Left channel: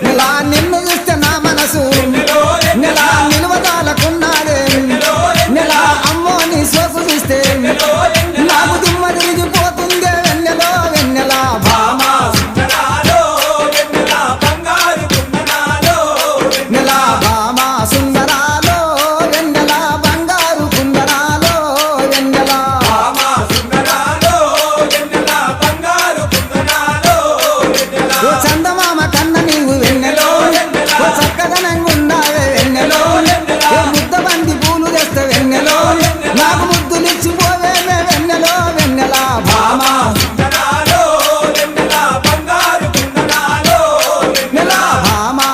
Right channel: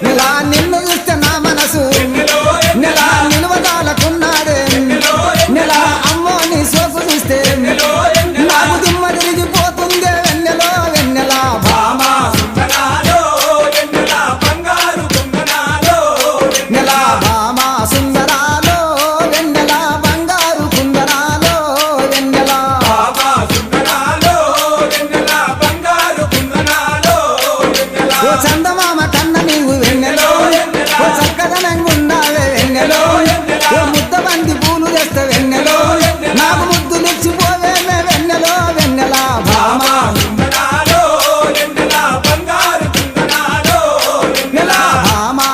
నెలా నిన్ను చూస్తే నా మనసు నెలా నిలువదాలకున్నాడే నెలా అమ్మో నీ సోకు చూస్తే నాకు దిమ్మ తిరిగిపోతుందే వెన్నెలో వెన్నెలా భామా నెలా భామా సుందరాలో వెన్నెలా బంగారు కుందరాలో వెన్నెలా ఓ చందమామ కన్న నీవు వెన్నెలో ఓ చక్కదనంగుండావే వెన్నెలో ఓ ముద్ద బంది పూలు తెస్తే వెన్నెలో నాకు ముద్దులిచ్చిపోవేమే వెన్నెలో వెన్నెలా భామా నెలా భామా